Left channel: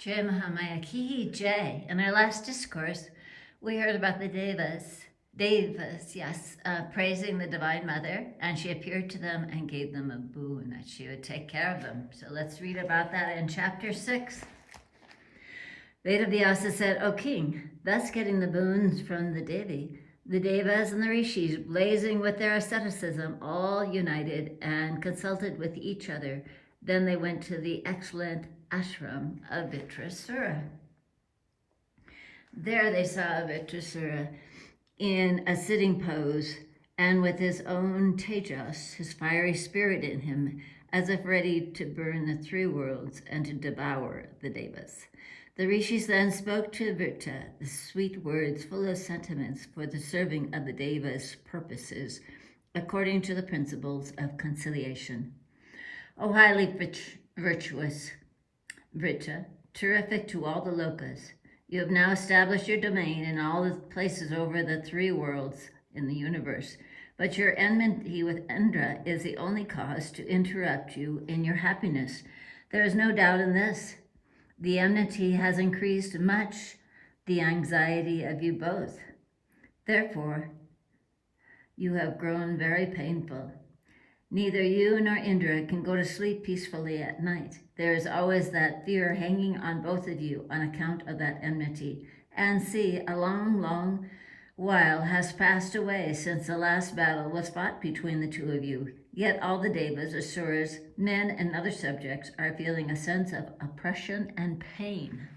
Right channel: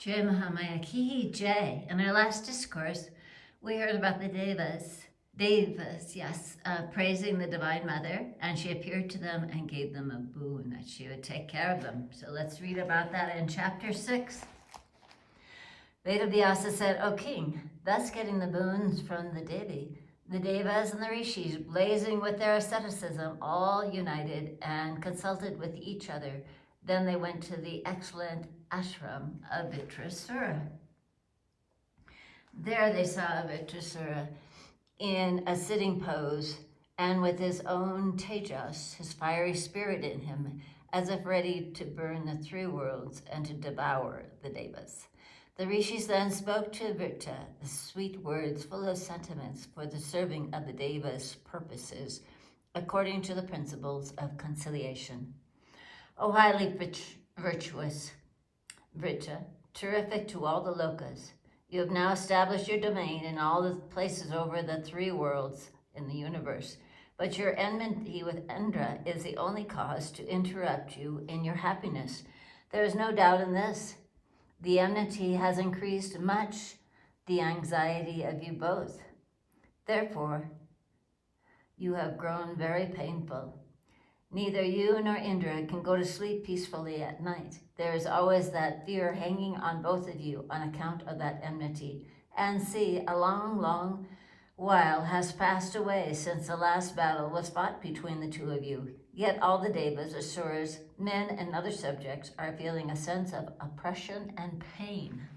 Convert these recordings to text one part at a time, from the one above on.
Jai Mahamaya Ki Jai. In our last discourse, we heard about the Devas. Devas, yes, praising the Divine Mother, and she appeared to them and gave them a boon that she would take care of them. So let's read about that in chapter 6. Vedavyasa said, O king, thus getting the boons from the Devi, the Devas and the Rishis, blazing with their asceticism, all united and consulted with each other. Then they went to the excellent ashram of Vitrasura. There they saw Vitrasura in a sitting pose and with his own tejas, his fiery spirit in him, as if ready to burn the three worlds and to devour the Devas. The rishis then spoke to Vrita the sweet words full of sentiments for the serving of the Devas' purposes, according to the principles of conciliation. O highly virtuous Vrita, terrific to all the lokas, you have now established your domain in all the places over the three worlds in the universe. But your enmity with Indra is the only cause to interrupt you in your happiness. There is no doubt in this. The enmity has increased much the anxiety of you both. Therefore, you have grown very painful. Neither you nor Indra can go to sleep peacefully at night. There is always that fear hanging on both of you on account of that enmity. And see, a long, long while has passed away since the last battle was fought between the two of you. Yet all the Devas, Asuras, men, and other subjects are feeling a sense of oppression and pain.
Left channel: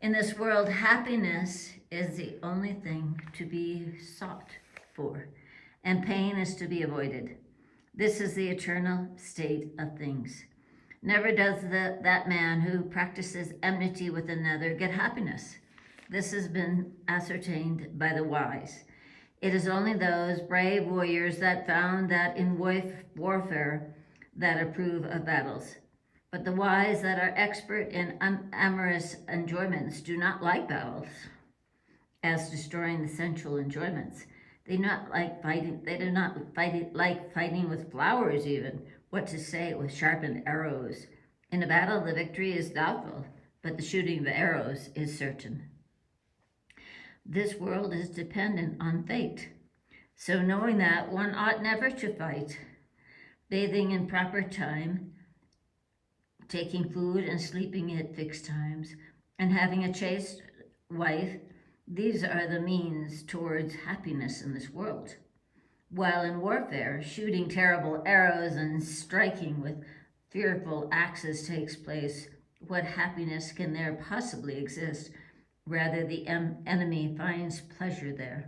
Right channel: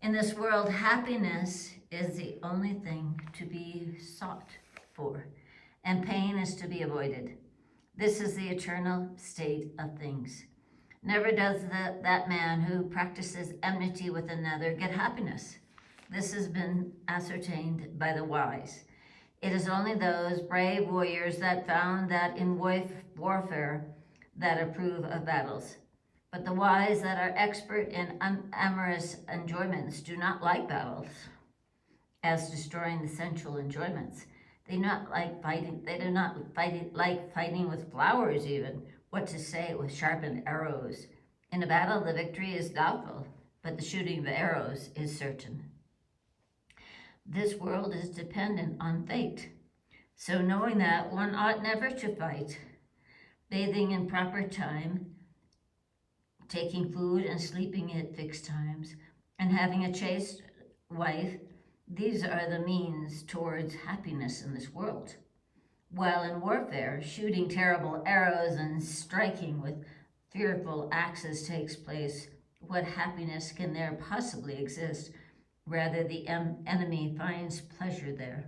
In this world, happiness is the only thing to be sought for, and pain is to be avoided. This is the eternal state of things. Never does that man who practices enmity with another get happiness. This has been ascertained by the wise. It is only those brave warriors that found that in warfare that approve of battles. But the wise that are expert in amorous enjoyments do not like battles as destroying the sensual enjoyments. They do not like fighting with flowers even, what to say with sharpened arrows. In a battle the victory is doubtful, but the shooting of arrows is certain. This world is dependent on fate. So knowing that, one ought never to fight. Bathing in proper time, taking food and sleeping at fixed times, and having a chaste wife, these are the means towards happiness in this world. While in warfare, shooting terrible arrows and striking with fearful axes takes place, what happiness can there possibly exist? Rather, the enemy finds pleasure there.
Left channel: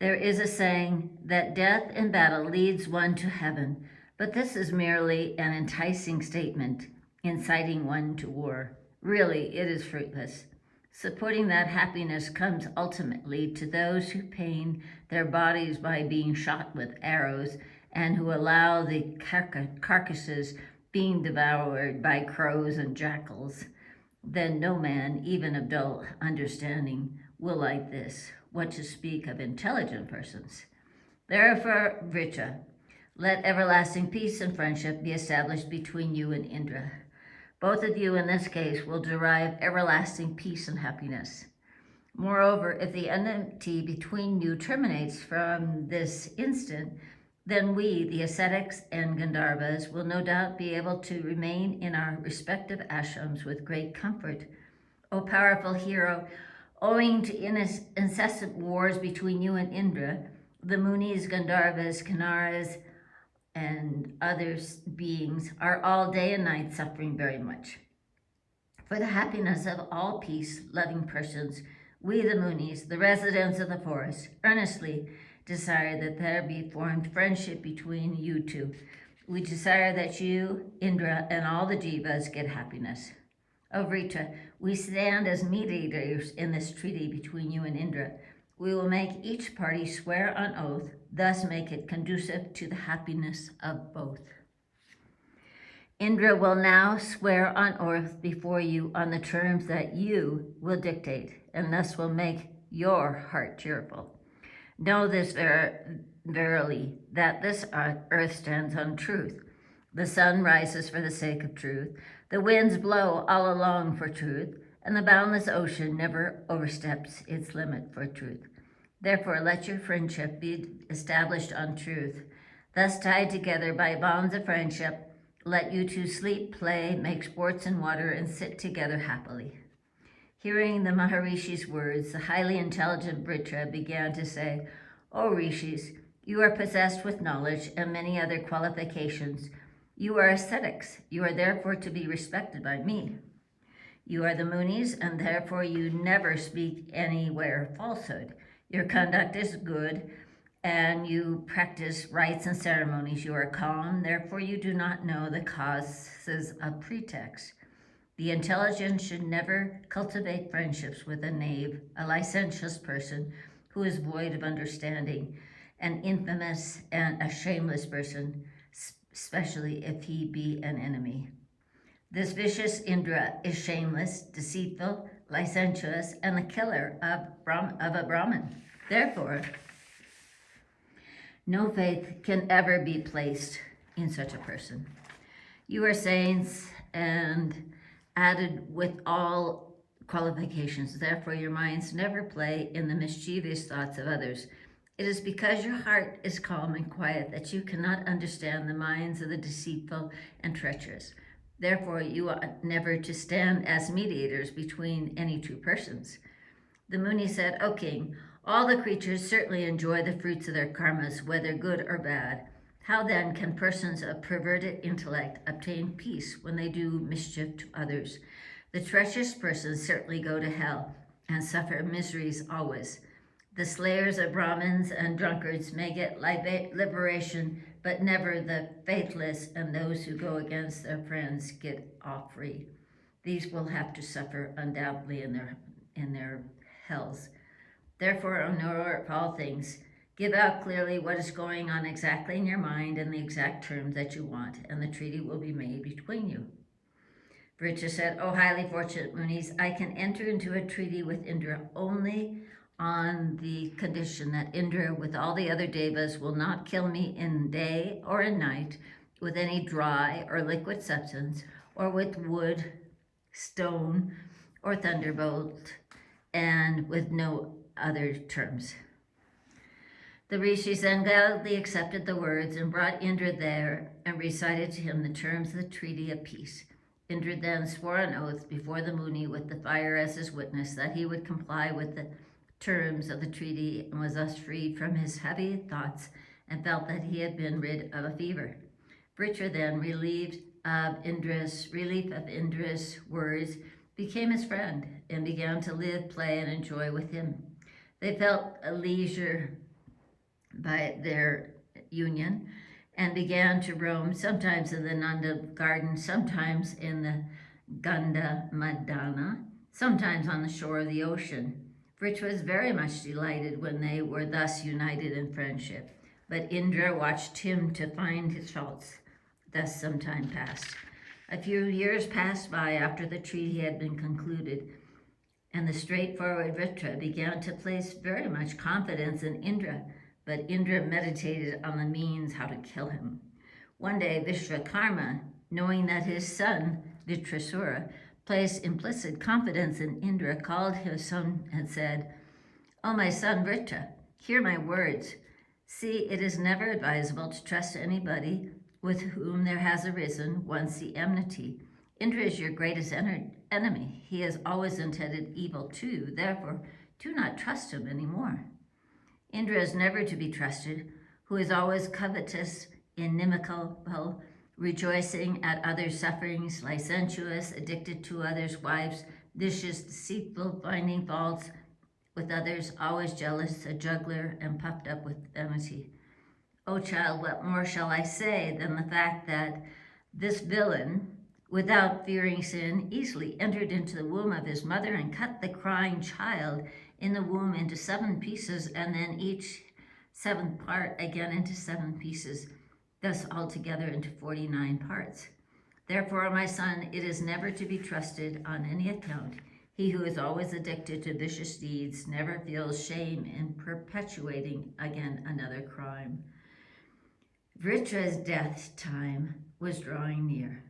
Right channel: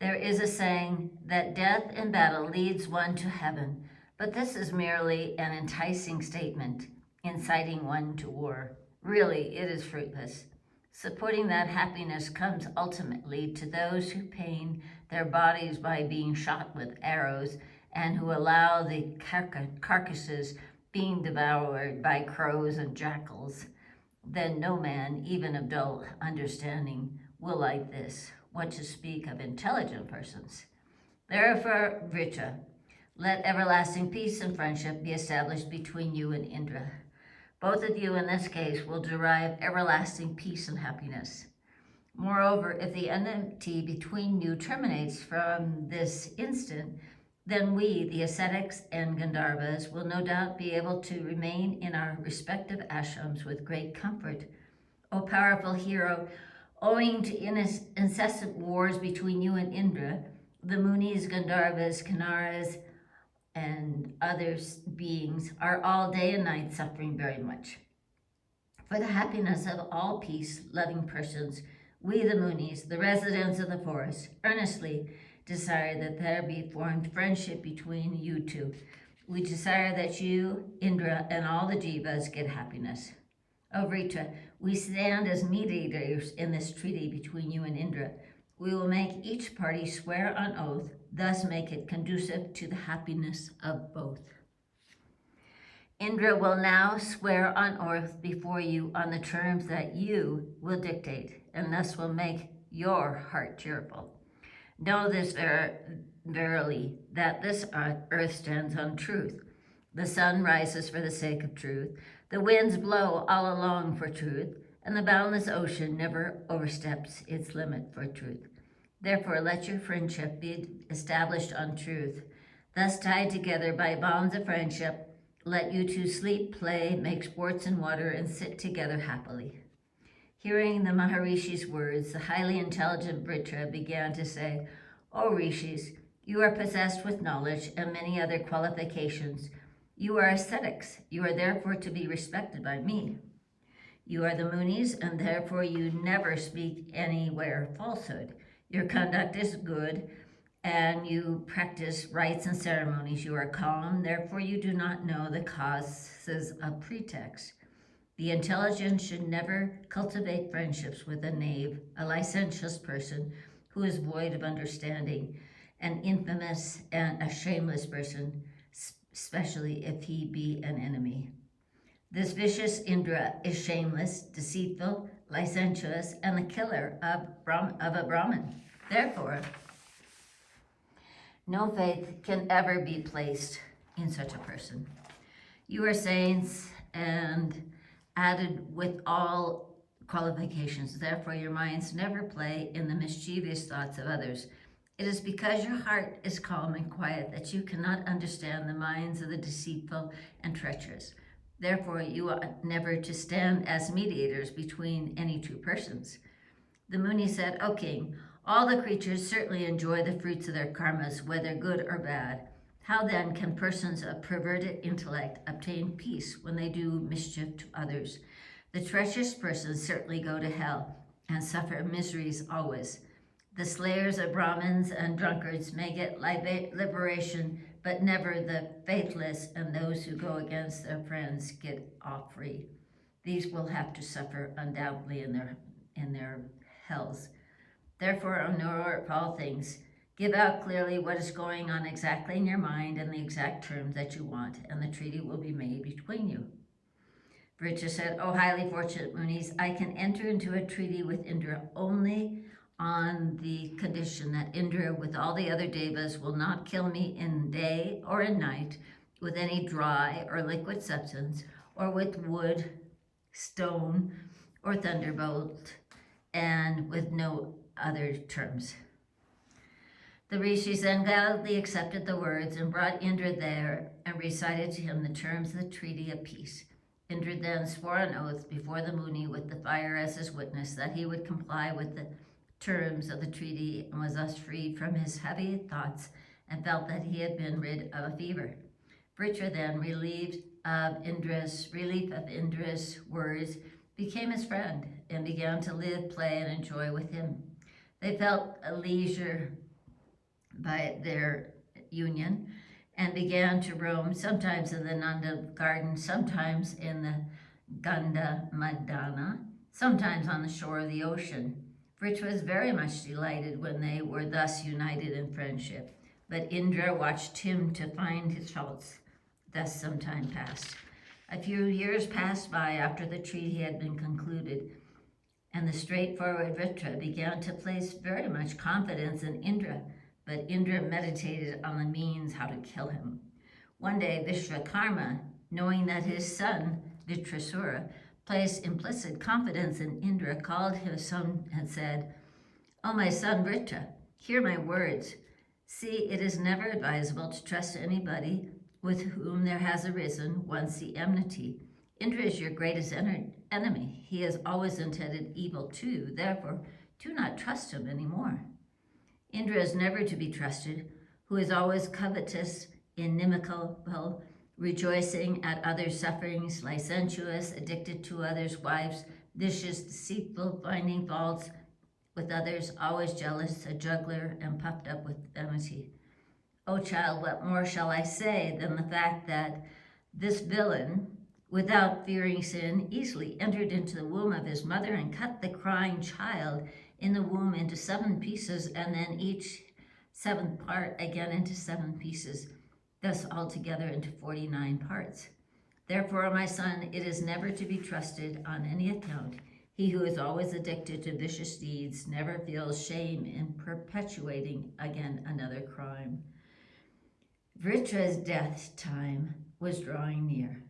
There is a saying that death in battle leads one to heaven, but this is merely an enticing statement, inciting one to war. Really, it is fruitless. Supporting that happiness comes ultimately to those who pain their bodies by being shot with arrows and who allow the carcasses being devoured by crows and jackals. Then no man, even of dull understanding, will like this, what to speak of intelligent persons. Therefore, Vrita, let everlasting peace and friendship be established between you and Indra. Both of you in this case will derive everlasting peace and happiness. Moreover, if the enmity between you terminates from this instant, then we, the ascetics and Gandharvas, will no doubt be able to remain in our respective ashrams with great comfort. O powerful hero, owing to incessant wars between you and Indra, the Munis, Gandharvas, Kinnaras, and other beings are all day and night suffering very much. For the happiness of all peace-loving persons, we the Munis, the residents of the forest, earnestly desire that there be formed friendship between you two. We desire that you, Indra, and all the Jivas get happiness. O Vrita, we stand as mediators in this treaty between you and Indra. We will make each party swear on oath, thus make it conducive to the happiness of both. Indra will now swear on oath before you on the terms that you will dictate, and thus will make your heart cheerful. Know this verily, that this earth stands on truth. The sun rises for the sake of truth. The winds blow all along for truth, and the boundless ocean never oversteps its limit for truth. Therefore, let your friendship be established on truth. Thus tied together by bonds of friendship, let you two sleep, play, make sports in water, and sit together happily. Hearing the Maharishi's words, the highly intelligent Vritra began to say, O Rishis, you are possessed with knowledge and many other qualifications. You are ascetics. You are therefore to be respected by me. You are the Munis, and therefore you never speak anywhere falsehood. Your conduct is good, and you practice rites and ceremonies. You are calm, therefore you do not know the causes of pretext. The intelligent should never cultivate friendships with a knave, a licentious person who is void of understanding, an infamous and a shameless person, especially if he be an enemy. This vicious Indra is shameless, deceitful, licentious, and the killer of a Brahmin. Therefore, no faith can ever be placed in such a person. You are saints and added with all qualifications. Therefore, your minds never play in the mischievous thoughts of others. It is because your heart is calm and quiet that you cannot understand the minds of the deceitful and treacherous. Therefore, you ought never to stand as mediators between any two persons. The Muni said, O king, all the creatures certainly enjoy the fruits of their karmas, whether good or bad. How then can persons of perverted intellect obtain peace when they do mischief to others? The treacherous persons certainly go to hell and suffer miseries always. The slayers of Brahmins and drunkards may get liberation, but never the faithless and those who go against their friends get off free. These will have to suffer undoubtedly in their hells. Therefore, O knower of all things, give out clearly what is going on exactly in your mind and the exact terms that you want, and the treaty will be made between you. Vritra said, O highly fortunate Munis, I can enter into a treaty with Indra only on the condition that Indra, with all the other devas, will not kill me in day or in night with any dry or liquid substance, or with wood, stone, or thunderbolt, and with no other terms. The rishis then gladly accepted the words and brought Indra there and recited to him the terms of the treaty of peace. Indra then swore an oath before the Muni with the fire as his witness that he would comply with the terms of the treaty and was thus freed from his heavy thoughts and felt that he had been rid of a fever. Vritra then, relief of Indra's words, became his friend and began to live, play, and enjoy with him. They felt a leisure by their union and began to roam, sometimes in the Nanda garden, sometimes in the Ganda Madana, sometimes on the shore of the ocean. Vritra was very much delighted when they were thus united in friendship, but Indra watched him to find his faults. Thus some time passed. A few years passed by after the treaty had been concluded, and the straightforward Vritra began to place very much confidence in Indra, but Indra meditated on the means how to kill him. One day Vishwakarma, knowing that his son Vitrasura placed implicit confidence in Indra, called his son and said, O my son Vritra, hear my words. See, it is never advisable to trust anybody with whom there has arisen once the enmity. Indra is your greatest enemy. He has always intended evil to you. Therefore, do not trust him any more. Indra is never to be trusted, who is always covetous, inimical, rejoicing at others' sufferings, licentious, addicted to others' wives, vicious, deceitful, finding faults with others, always jealous, a juggler, and puffed up with enmity. O child, what more shall I say than the fact that this villain, without fearing sin, easily entered into the womb of his mother and cut the crying child in the womb into 7 pieces, and then each 7th part again into 7 pieces, thus altogether into 49 parts. Therefore, my son, it is never to be trusted on any account. He who is always addicted to vicious deeds never feels shame in perpetuating again another crime. Vritra's death time was drawing near.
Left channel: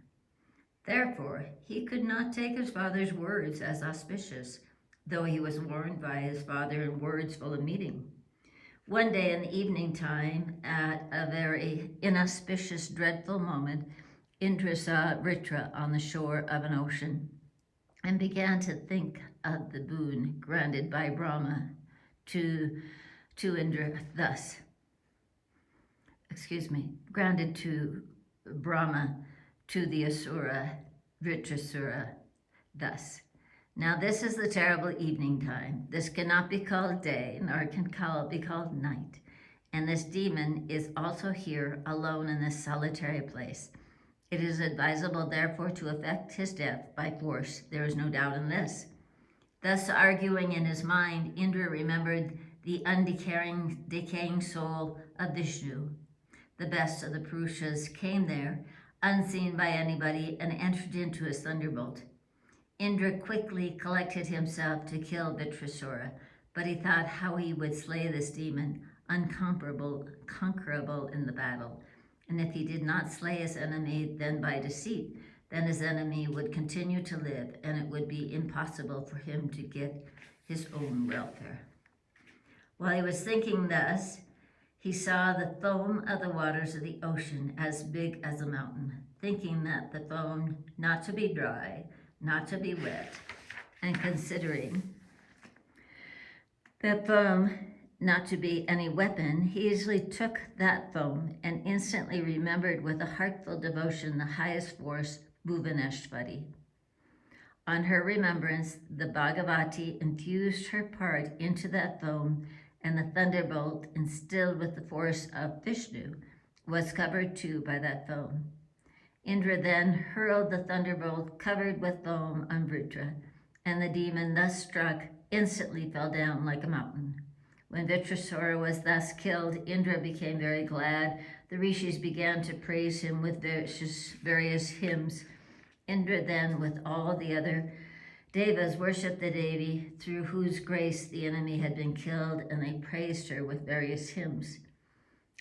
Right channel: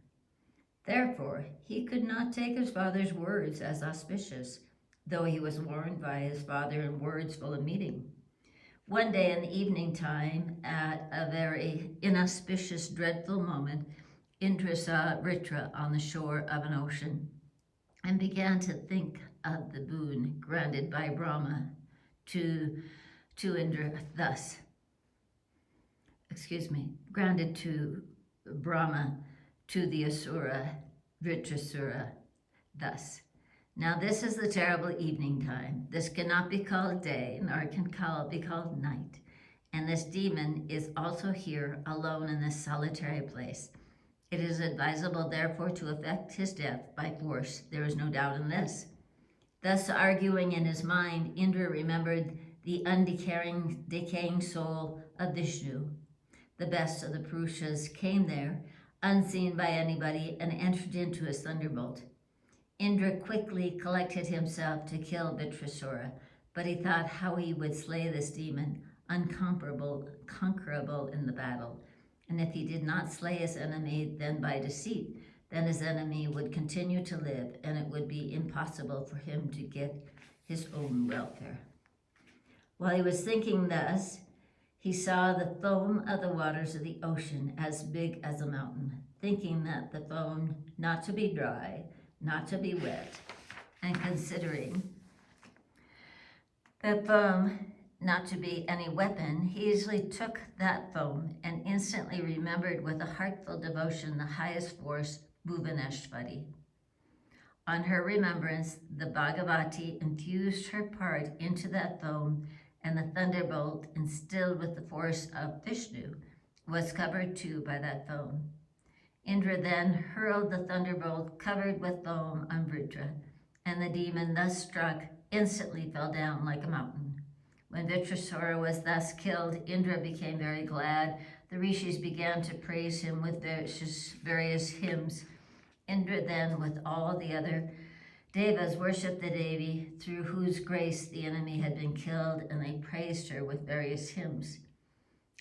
Therefore, he could not take his father's words as auspicious, though he was warned by his father in words full of meaning. One day in the evening time, at a very inauspicious, dreadful moment, Indra saw Vritra on the shore of an ocean and began to think of the boon granted by Brahma to Indra thus. Granted to Brahma to the Asura Vitrasura thus. Now this is the terrible evening time. This cannot be called day, nor can be called night. And this demon is also here alone in this solitary place. It is advisable, therefore, to effect his death by force. There is no doubt in this. Thus arguing in his mind, Indra remembered the undecaying soul of Vishnu. The best of the Purushas came there, unseen by anybody, and entered into his thunderbolt. Indra quickly collected himself to kill Vitrasura, but he thought how he would slay this demon, unconquerable in the battle. And if he did not slay his enemy then by deceit, then his enemy would continue to live, and it would be impossible for him to get his own welfare. While he was thinking thus, he saw the foam of the waters of the ocean as big as a mountain, thinking that the foam not to be dry, not to be wet, and considering that foam not to be any weapon, he easily took that foam and instantly remembered with a heartful devotion the highest force, Bhuvaneshwari. On her remembrance, the Bhagavati infused her part into that foam, and the thunderbolt, instilled with the force of Vishnu, was covered too by that foam. Indra then hurled the thunderbolt covered with foam on Vritra, and the demon thus struck instantly fell down like a mountain. When Vitrasura was thus killed, Indra became very glad. The rishis began to praise him with various hymns. Indra then, with all the other devas, worshipped the Devi, through whose grace the enemy had been killed, and they praised her with various hymns.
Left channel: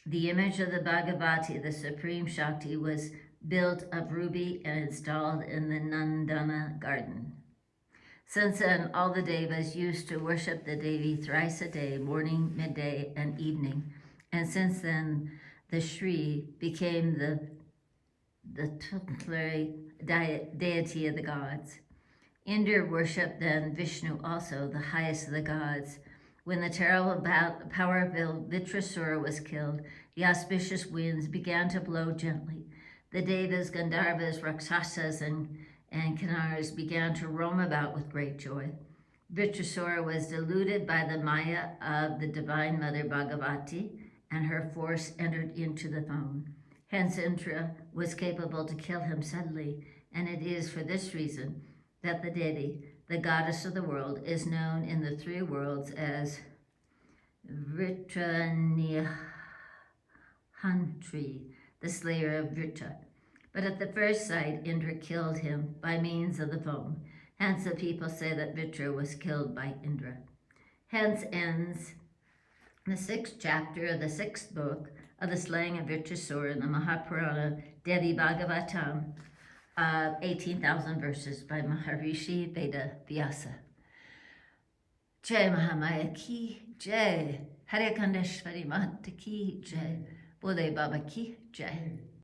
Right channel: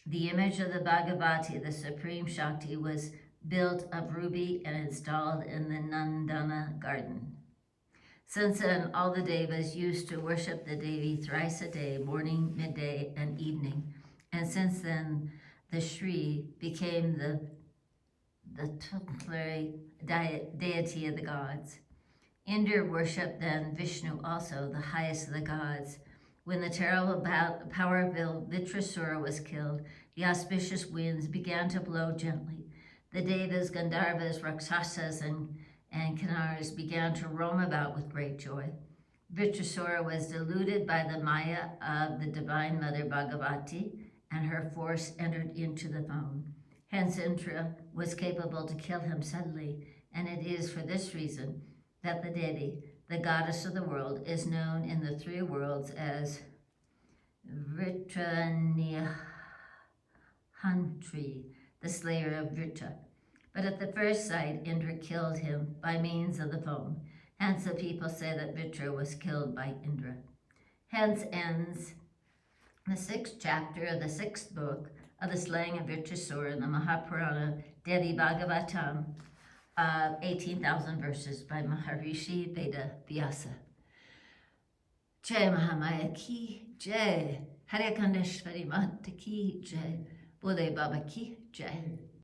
The image of the Bhagavati, the supreme Shakti, was built of ruby and installed in the Nandana garden. Since then, all the devas used to worship the Devi thrice a day, morning, midday, and evening. And since then, the Shri became the tutelary deity of the gods. Indra worshipped then Vishnu also, the highest of the gods. When the terrible power-filled Vitrasura was killed, the auspicious winds began to blow gently. The Devas, Gandharvas, Rakshasas, and Kinnaras began to roam about with great joy. Vitrasura was deluded by the Maya of the Divine Mother Bhagavati, and her force entered into the foam. Hence Indra was capable to kill him suddenly, and it is for this reason that the Devi, the goddess of the world, is known in the three worlds as Vitranyahantri, the slayer of Vritra. But at the first sight, Indra killed him by means of the foam. Hence the people say that Vritra was killed by Indra. Hence ends the 6th chapter of the 6th book of the slaying of Vitrasura in the Mahapurana Devi Bhagavatam, 18,000 verses by Maharishi Veda Vyasa. Jai Mahamaya ki Jai, Hare Kandeshwari Mata ki Jai, Bole Baba ki Jai.